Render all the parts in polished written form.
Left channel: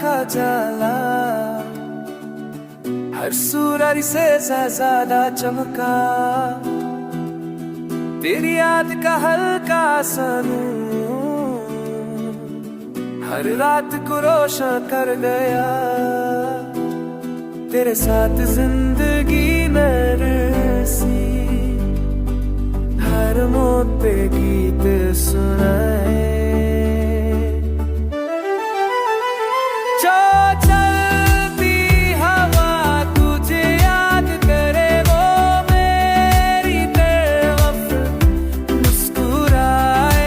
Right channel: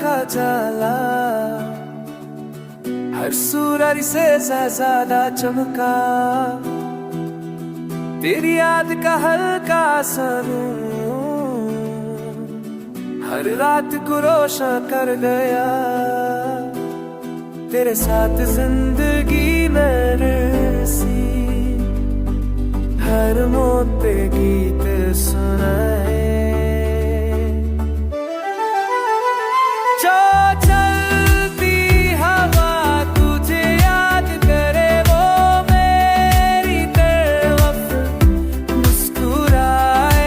का जाला, हर सूरज से ज्यादा चमका, तेरी याद का हल्का सनूर हर रात को रोशन कर गया। तेरे साथ जिंदगी नरसी, हर मोड़ पे गीत सुनाए। जो चलती हवा तुझे याद करे, वो मेरी तरफ मुस्कुराए।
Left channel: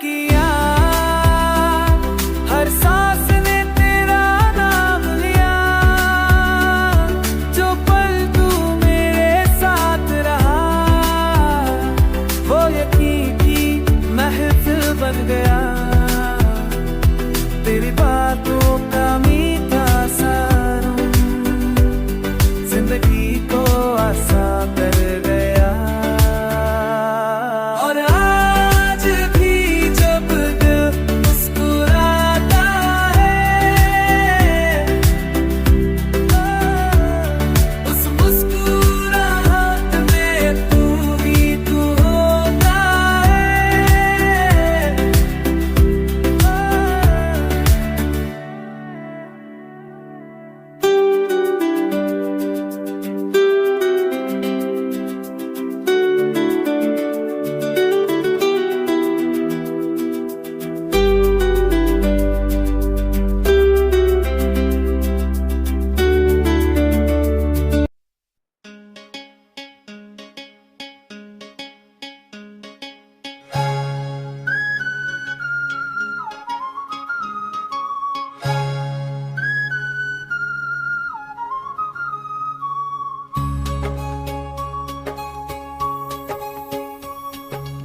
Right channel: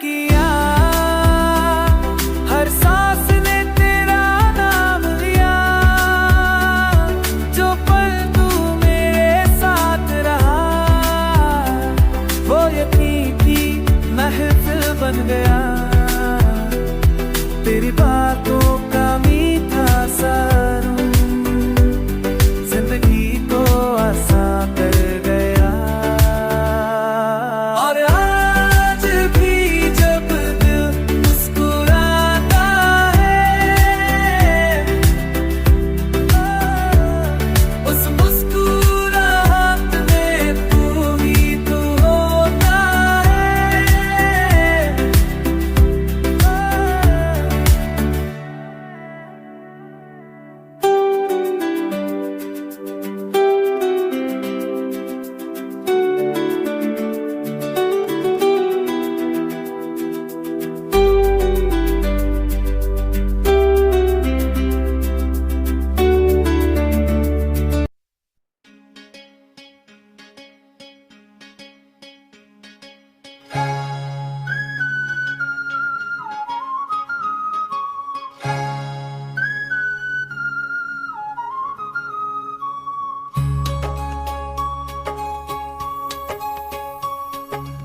किया हर सांस ने तेरा नाम लिया, जो पल तू मेरे साथ रहा, वो यकीन की महफिल बन गया। तेरी बातों का मीठा सारुम जिंदगी को आसान कर गया। और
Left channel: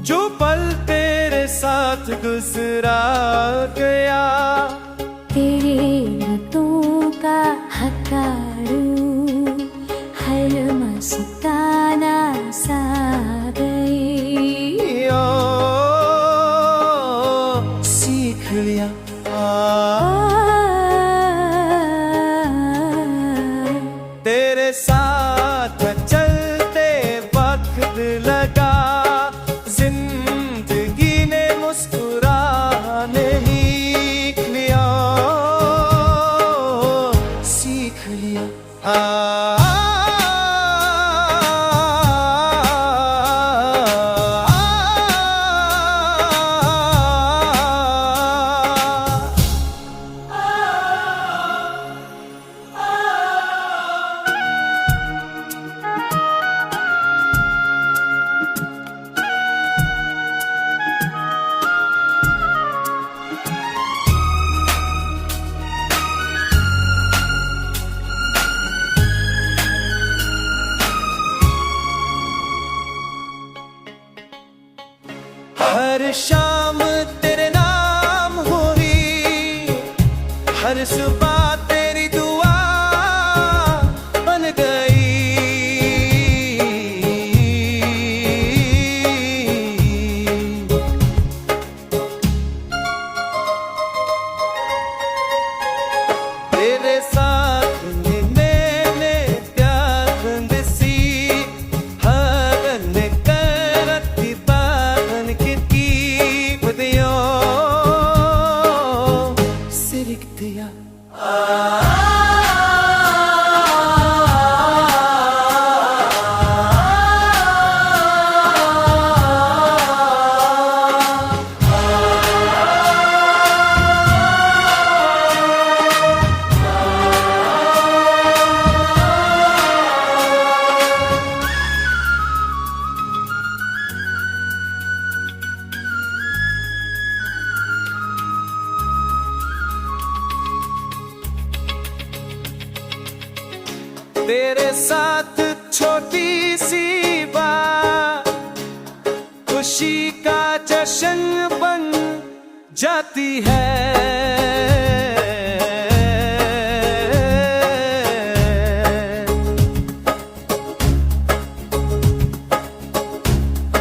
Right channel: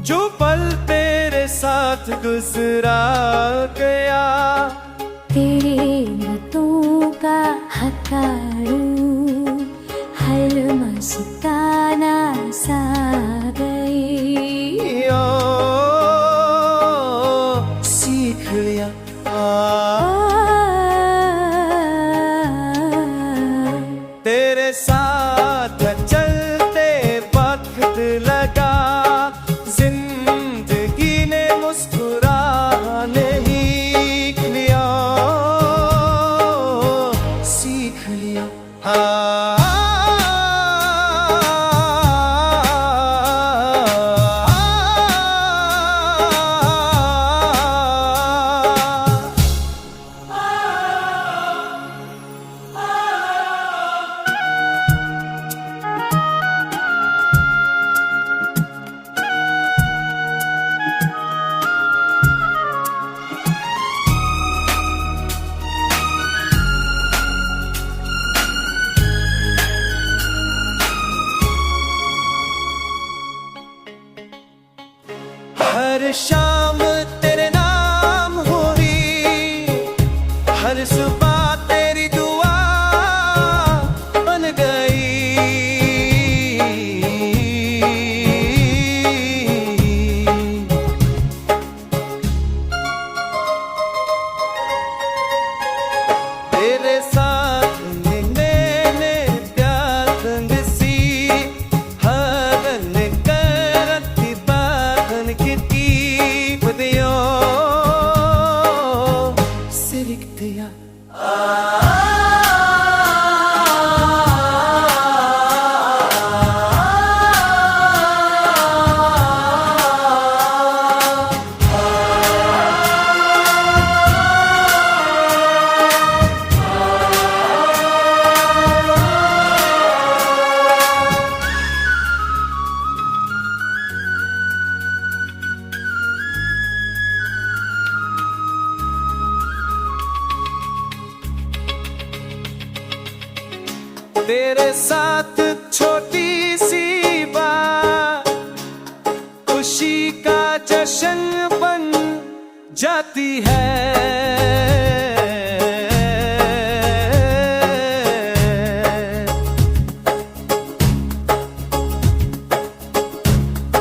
जो पल तेरे साथ गुजरा गया, तेरे बातों का हकारू हर मस्ताना सा गई। सीख लिया तेरे साथ चलते वक्त लगा, जिंदगी ने मुस्कुराने सीख लिया, सीख लिया। हर शाम तेरे नाम हुई, हर सुबह तेरी दुआ बन गई। तेरे साथ मैंने प्यार सी हवन करती बागन की पदियों सिरक दिया। तेरे साथ छोटी सी बात खुशी का जश्न बन जाती है।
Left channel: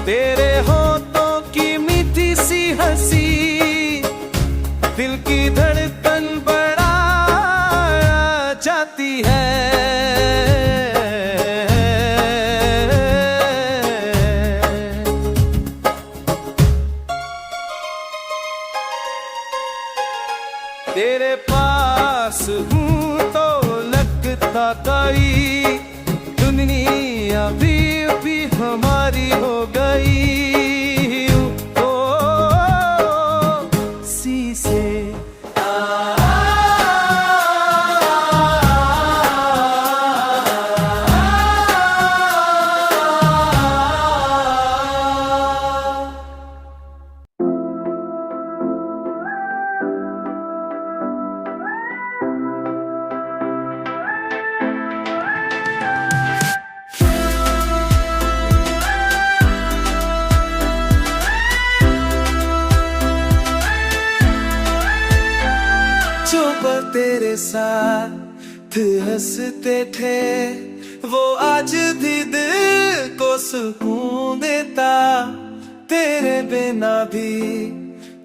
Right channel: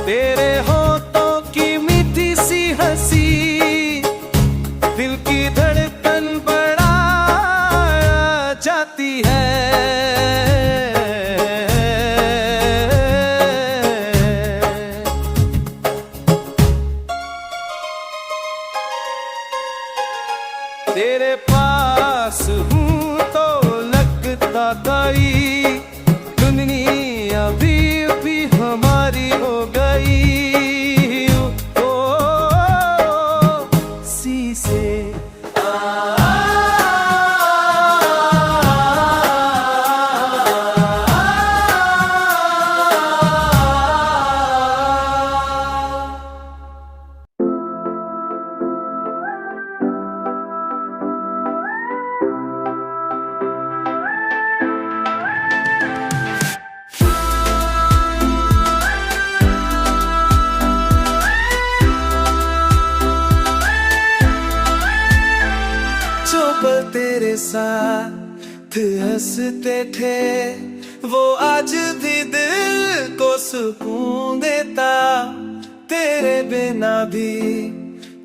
तेरे होठों की मीठी सी हंसी दिल की धड़कन बढ़ा जाती है। तेरे पास हूँ तो लगता दाई दुनिया भी हमारी हो गई। ओ शीशे जो पल तेरे साथ हंसते थे वो आज भी दिल को सुकून देता। तेरे बिना भी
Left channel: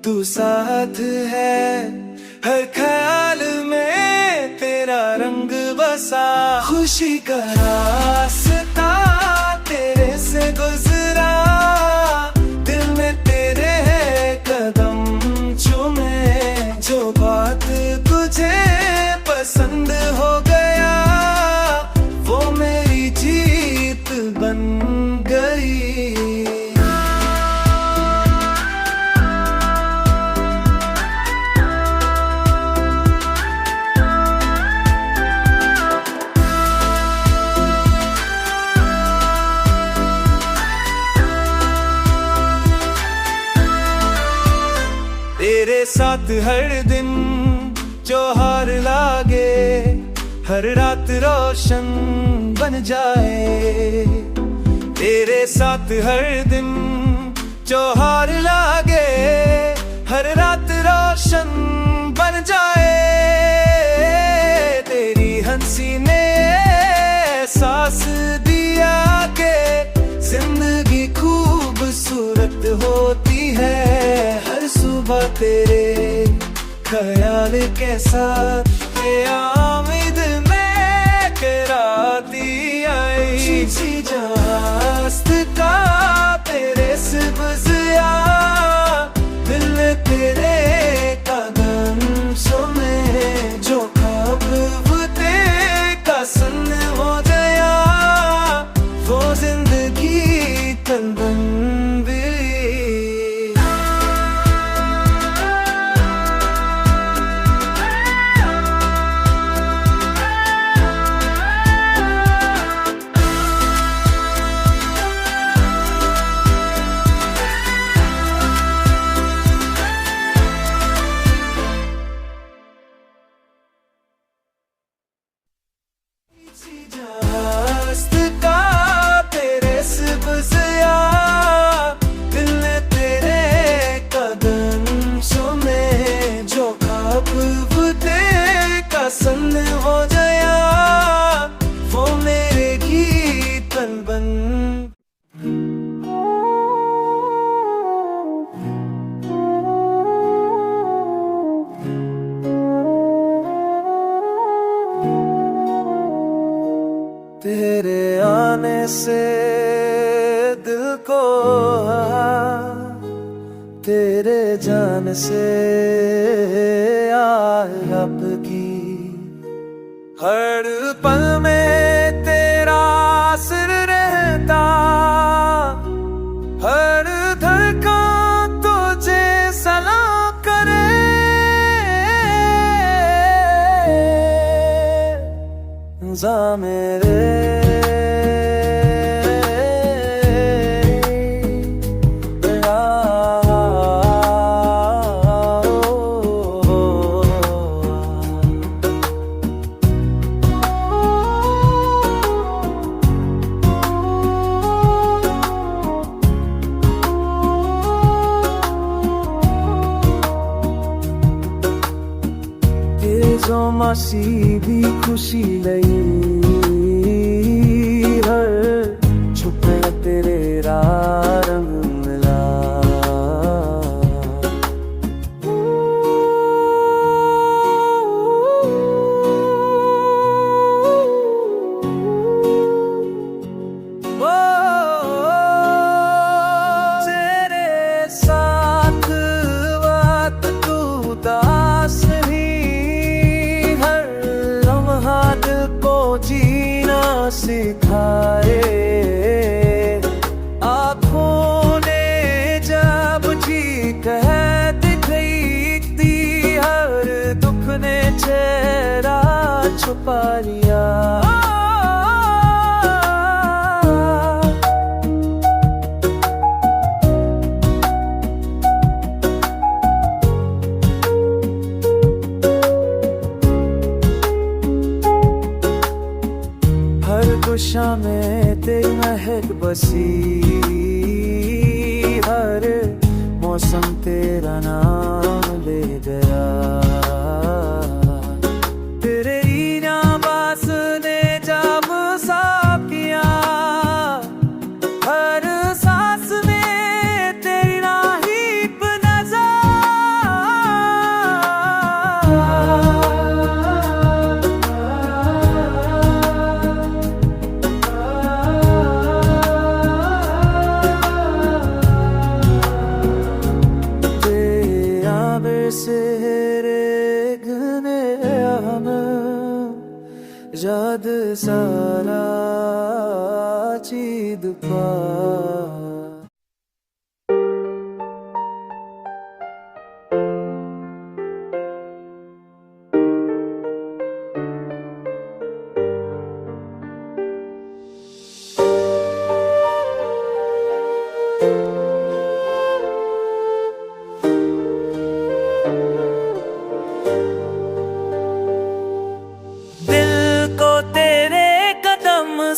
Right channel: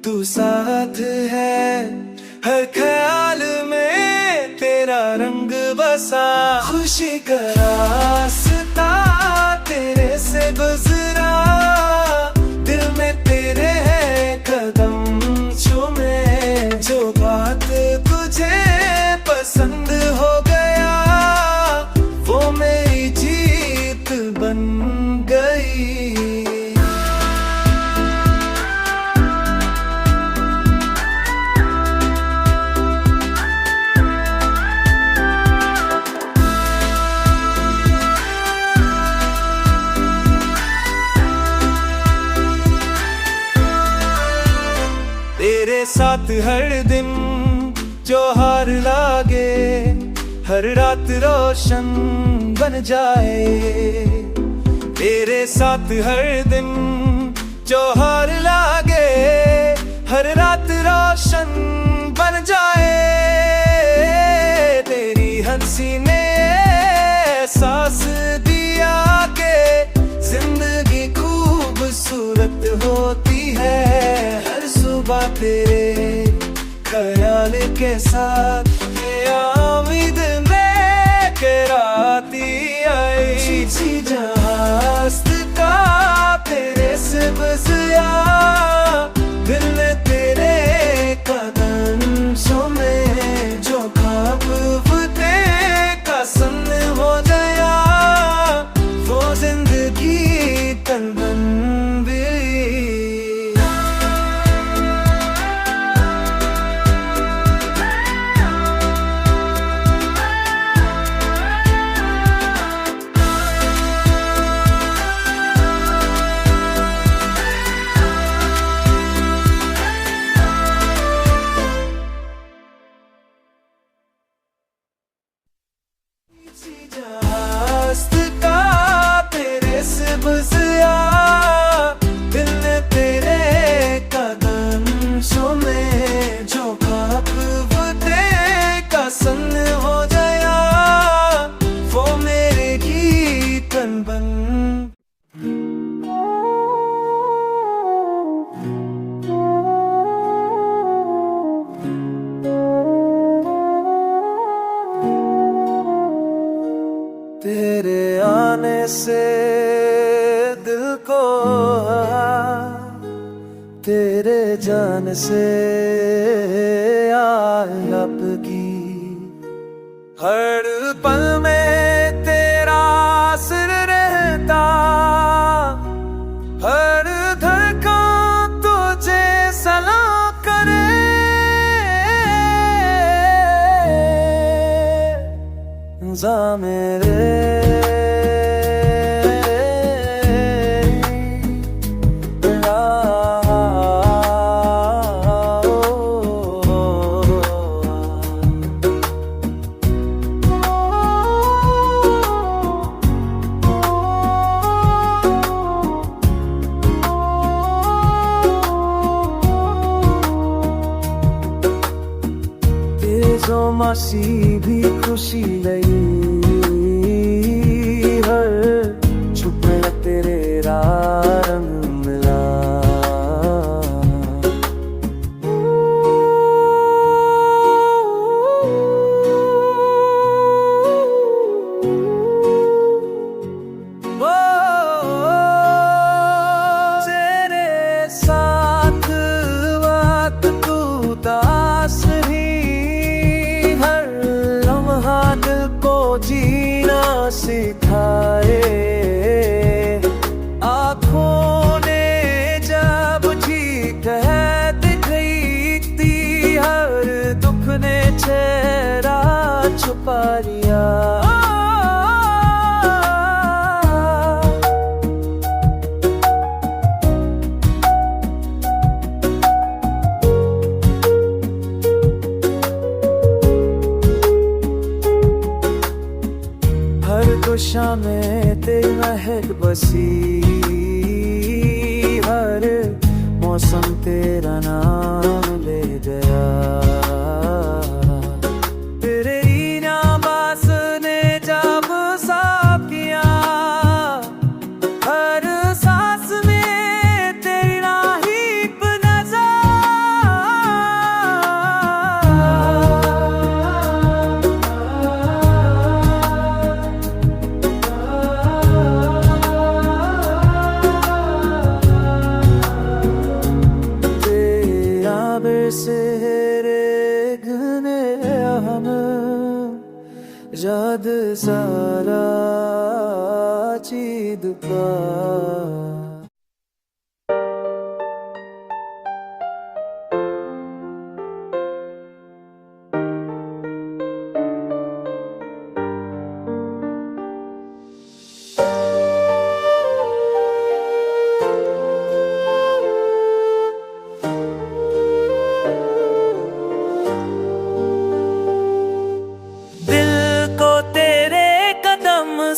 तू साथ है, हर ख्याल में तेरा रंग बसा। खुशी का रास्ता तेरे से गुजरा, दिल में तेरे है कदम चूमे। जो बात तुझे पसंद हो गया वो मेरी जीत बन गई। तेरे साथ हर दिन त्योहार लागे, हर रात रोशन बन जाए। तेरे साथ हर दिन त्योहार लागे, हर रात रोशन बन जाए। तेरी हंसी ने एहसास दिया के जिंदगी खूबसूरत होती है। हर सुबह तेरे ख्याल के साथ आमिद में के राती आई। जहास्त का तेरे से बजिया, दिल तेरे कदम सुने। जो ख्वाब तेरे का सन हो गया वो जिंदगी तन बन गई। जहास्त का तेरे से बजिया, दिल ने तेरे कदम सुने। जो ख्वाब तेरे का सन हो गया वो मेरे गीतन बन। तेरे आने से दिल को तेरे जान से आपकी। हर पल में तेरा असर रहता, हर धड़कन तुझे सलाम करे। जा मेरे उदासी भी खुशी लई हर छुपे तेरे रंग मिला वो तेरे साथ बात तू दास ही हर लम्हा दिल को जीना सिखाए आँखों ने जब जी कह दिखती हर दुख ने चेहरा छुपा लिया हर गुशा में तेरी महक बसी हर मौसम तेरा नाम ले गया तेरे बास ने जब साफ किया हर सांस में तेरी राहीप Seregne ham jad sara chid pa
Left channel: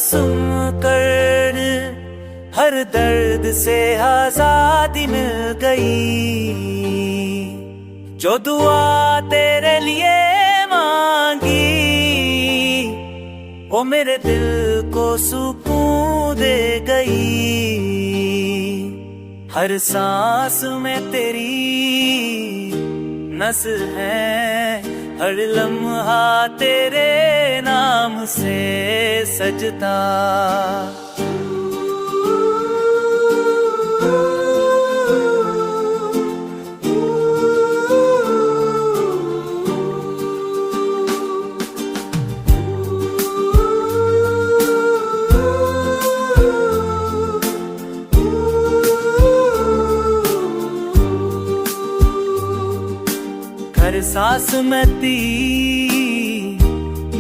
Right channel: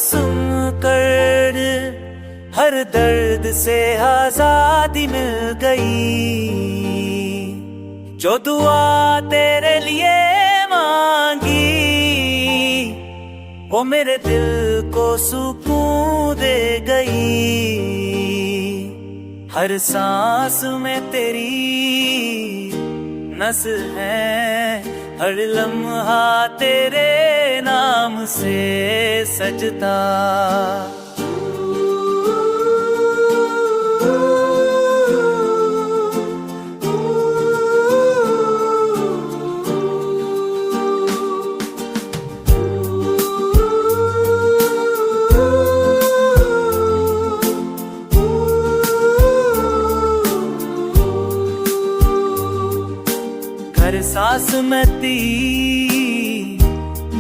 सुन कर हर दर्द से आजादी मिल गई जो दुआ तेरे लिए मांगी वो मेरे दिल को सुकून दे गई हर सांस में तेरी नस है हर लम्हा तेरे नाम से सजता हर सांस में तेरी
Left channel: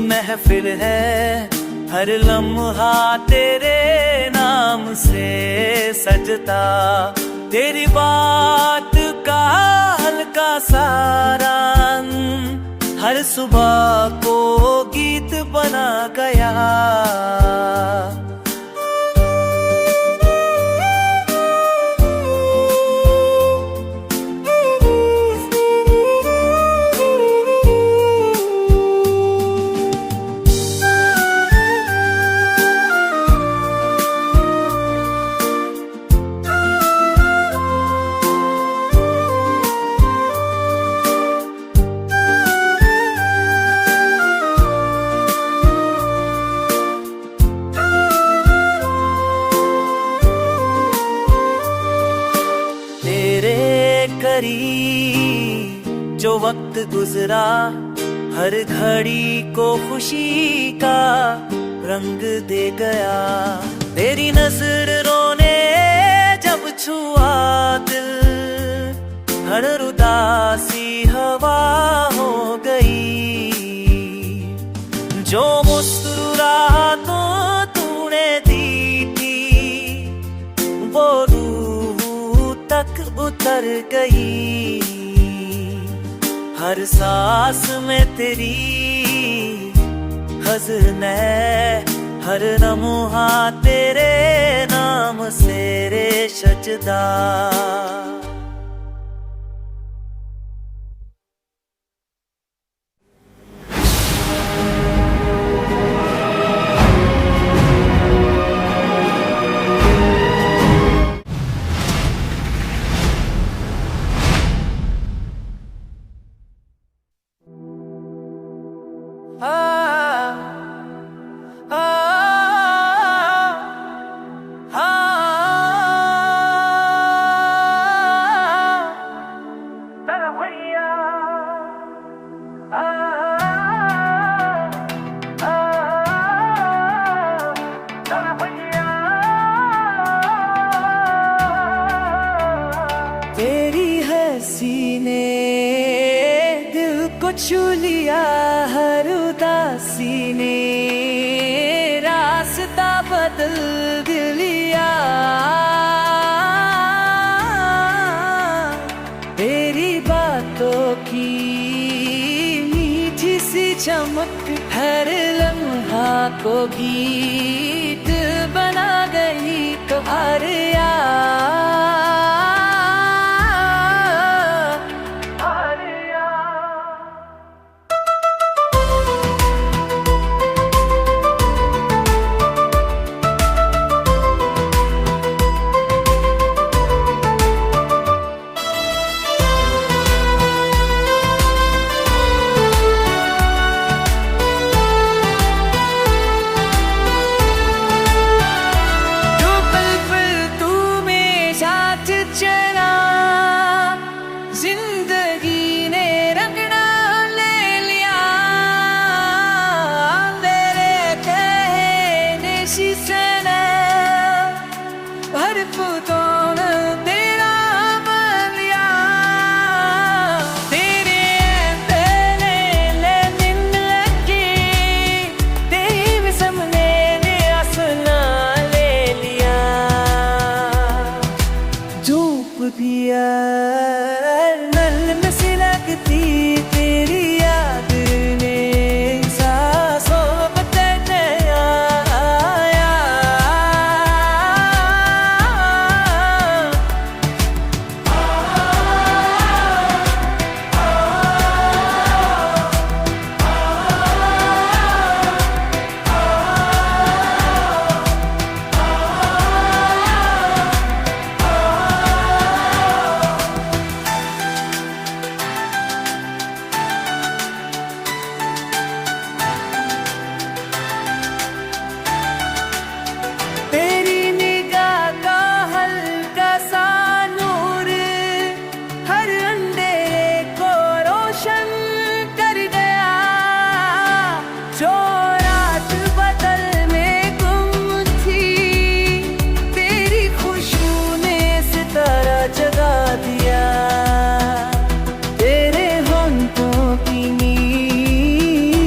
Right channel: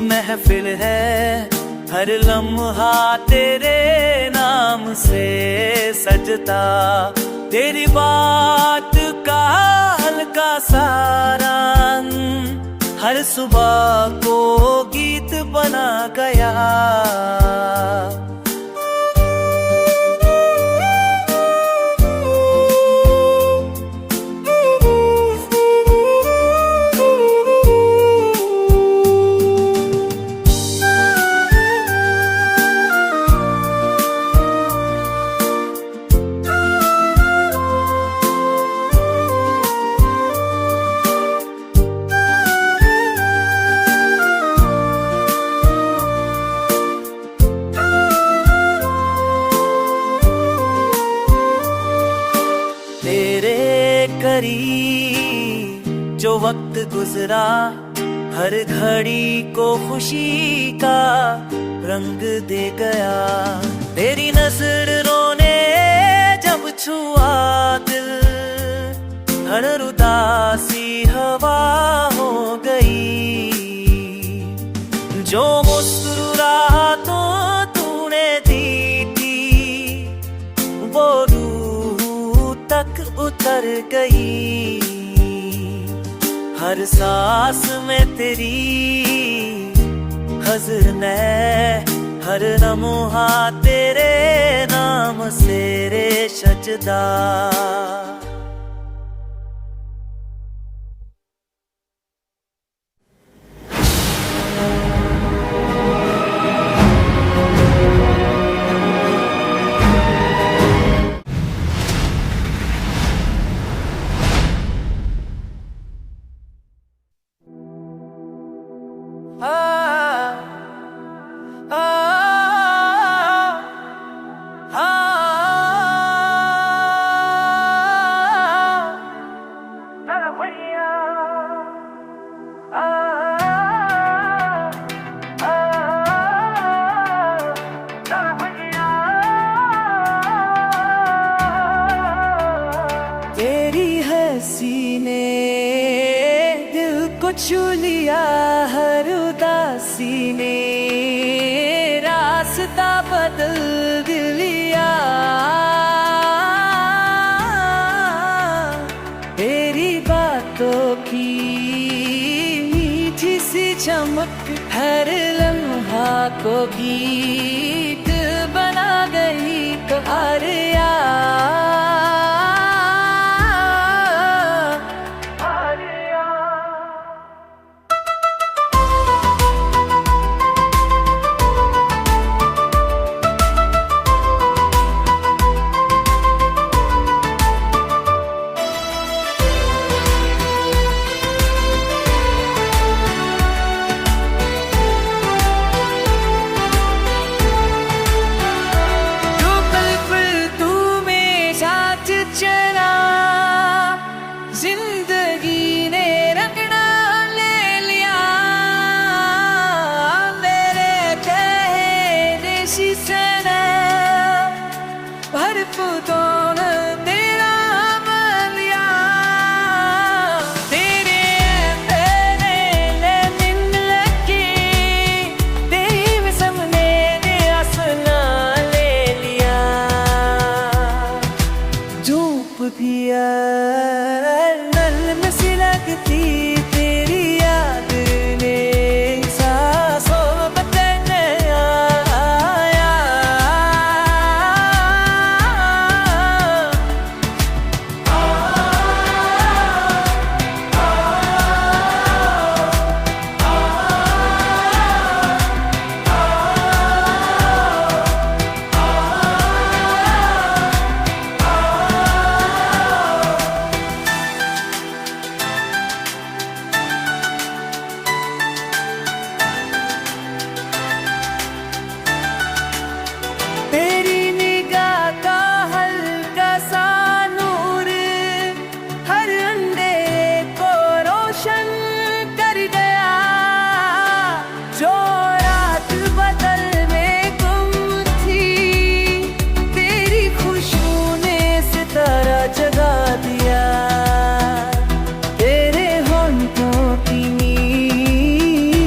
महफिल है हर लम्हा तेरे नाम से सजता तेरी बात का हल्का सारा हर सुबह को गीत बना गया जो वक्त गुजरा हर घड़ी को खुशी का रंग दे गया तेरी नजरों ने जब छुआ दिल हर उदासी हवा हो गई जो मुस्कुराहटों तूने दी थी वो रूह तक उतर गई हर सांस में तेरी हज़न हर लम्हा तेरे नाम से रे सजदा तेरी हंसी ने दिल को छू लिया, हर उदासी ने रास्ता बदल दिया। तेरी बातों की मीठी सी चमक हर लम्हा को गीत बना गई कहारिया। चला जिंदगी ने रंगना ले लिया, मेरे कहने से भर फूटों ने तेरा बन लिया। तेरे तेरे लेने लगे तेरे सामने ने आसना ले लिया। धूप दिया नल में सिलकती तेरी याद ने सांसों में बदलने आया। तेरी निगाह का हल्का सा नूर हर अंधेरे को रोशन कर गया। जो रात बदल में गुम थी तेरी खुशबू ने सितारा जगा दिया। तेरे होंठों की मीठी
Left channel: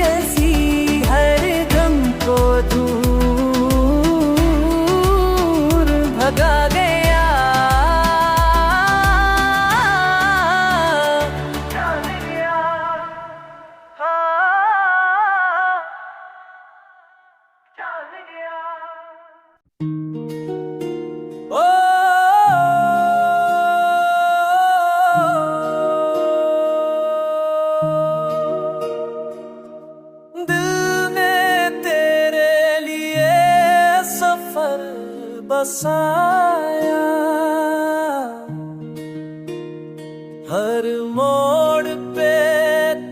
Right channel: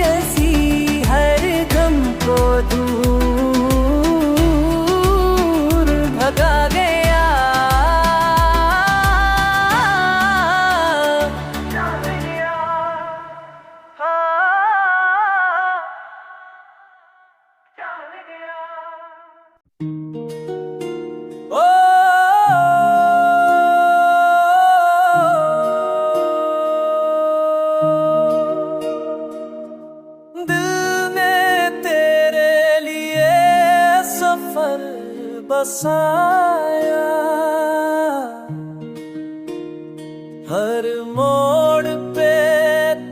हंसी हर गम को दूर भगा गया। ओ दिल में तेरे लिए सफर बसाया, हर मोड़ पे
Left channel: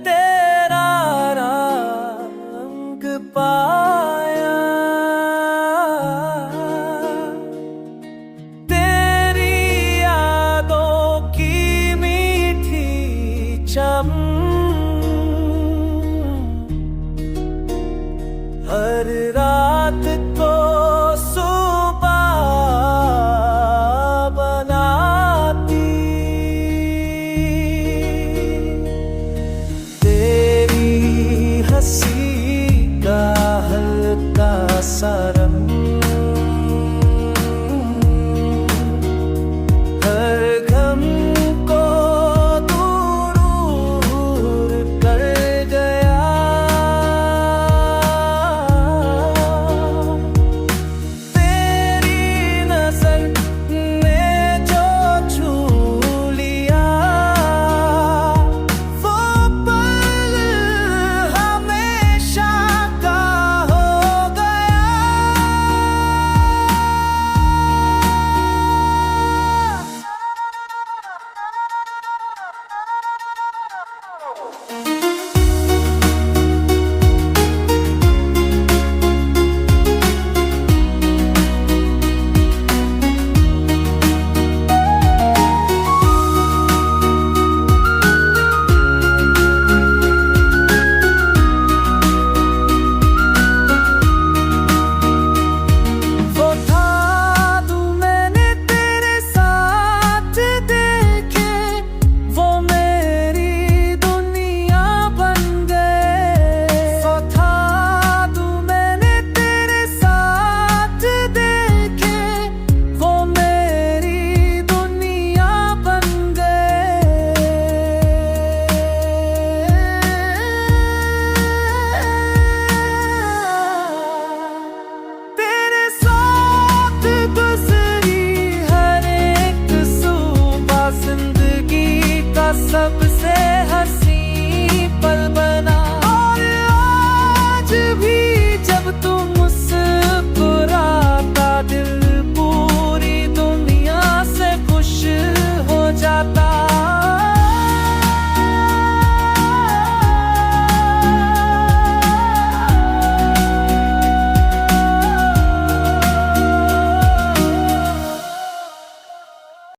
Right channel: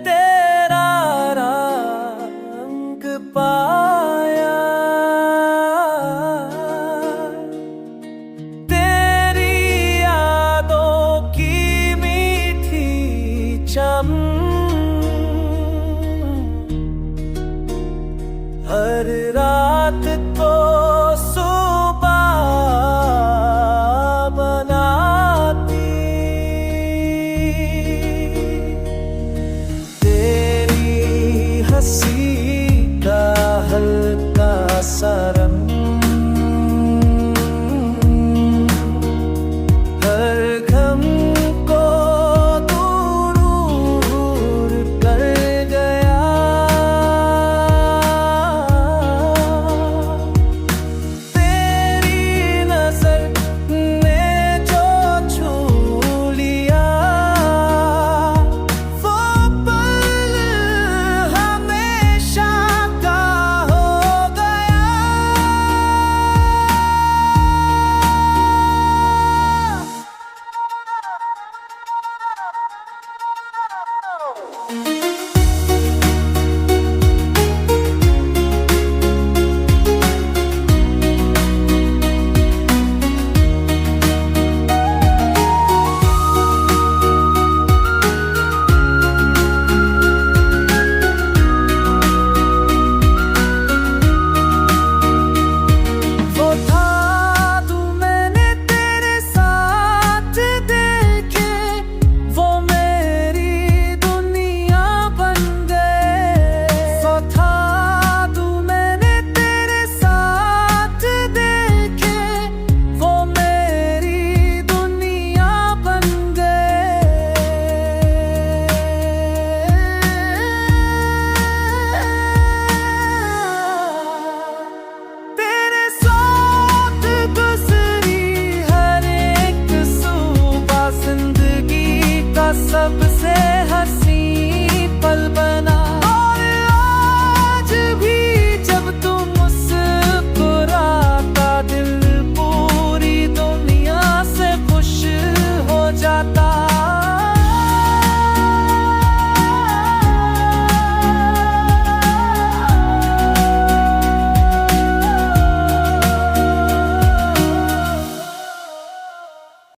तेरा रंग पाया। तेरी यादों की मीठी चम हर रात को सुबह बनाती। तेरी हंसी का हल्का सा रंग